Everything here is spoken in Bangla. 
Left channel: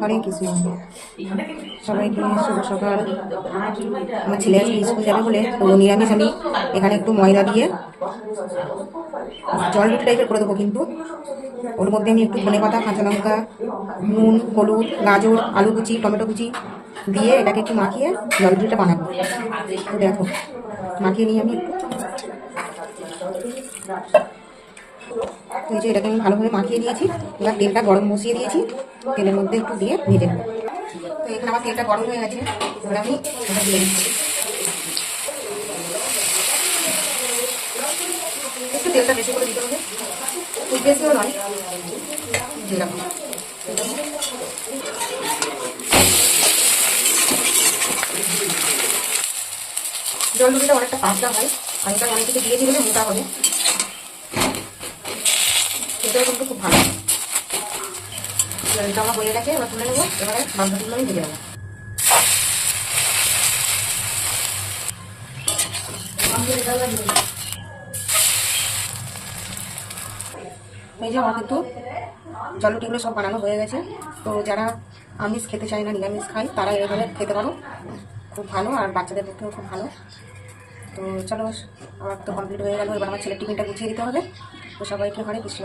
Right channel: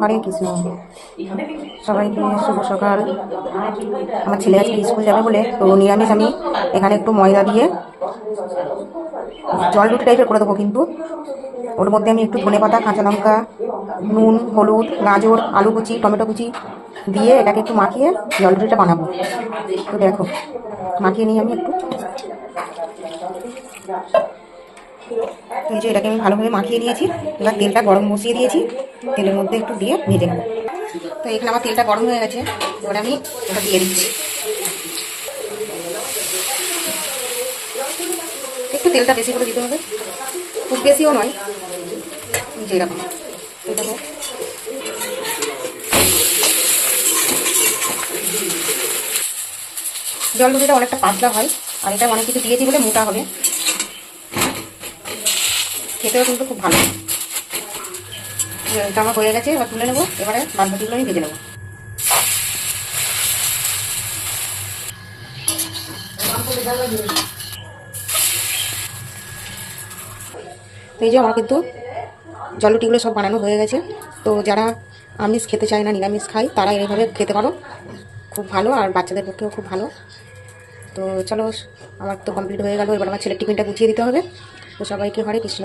হরে কৃষ্ণ। সবাইকে শুভ সকাল। আমার ছেলে আজকে স্কুল যাবে বলে তো নিরামিষ আমি এখানে একটু ময়দা দিয়ে জল রুটি টাইপের করে দেবো, কিন্তু ওর মধ্যে আমি একটু ধনেপাতা, কাঁচা লঙ্কা, নুন, হলুদ, গাজর, আলু কুচি, টমেটো কুচি দিয়ে এটাকে একটু মাখিয়ে জল রুটিটা বানাবো। তো দেখো মাখিয়ে নিই আমি একটু। তো এই যে এটাকে আমি ভালোভাবে মাখিয়ে নিয়েছি। এবার তেলটা গরম বসিয়ে দিয়েছি, তেলের মধ্যে একটু দিয়ে ভেজে নেবো। তো এখানে আমার তেলটা গরম হয়ে গেছে, এবার আমি এটা দিয়ে দিচ্ছি। একটু তেলটা বেশি করে দিতে হবে, খুব বেশিও নয়, যেরকম। জল রুটিটা অনেকটা পাতলা হয়, আর এটা অনেক কিছু দিয়েছি বলে মোটা হবে, খেতেও কিন্তু খুব ভালো। এটা আমার হয়ে গেছে, এবার তুলে নেবো। এবারে বাদবাকিগুলো আমি ভেজে নেবো। এই যে আমার কিন্তু জল রুটিগুলো সব বানানো হয়ে গেছে। তো যারা আমিষ খেতে চায় না, নিরামিষ খাই, তারা এইভাবে খেতে পারো, খুব ভালো, আর বাচ্চাদের পক্ষেও খুব ভালো। তো চলো, আমার তো কমপ্লিট হয়ে গেল। এবার আমার ছেলের টিফিনটা গুছিয়ে দিতে হবে। তো সবাইকে হরে কৃষ্ণ।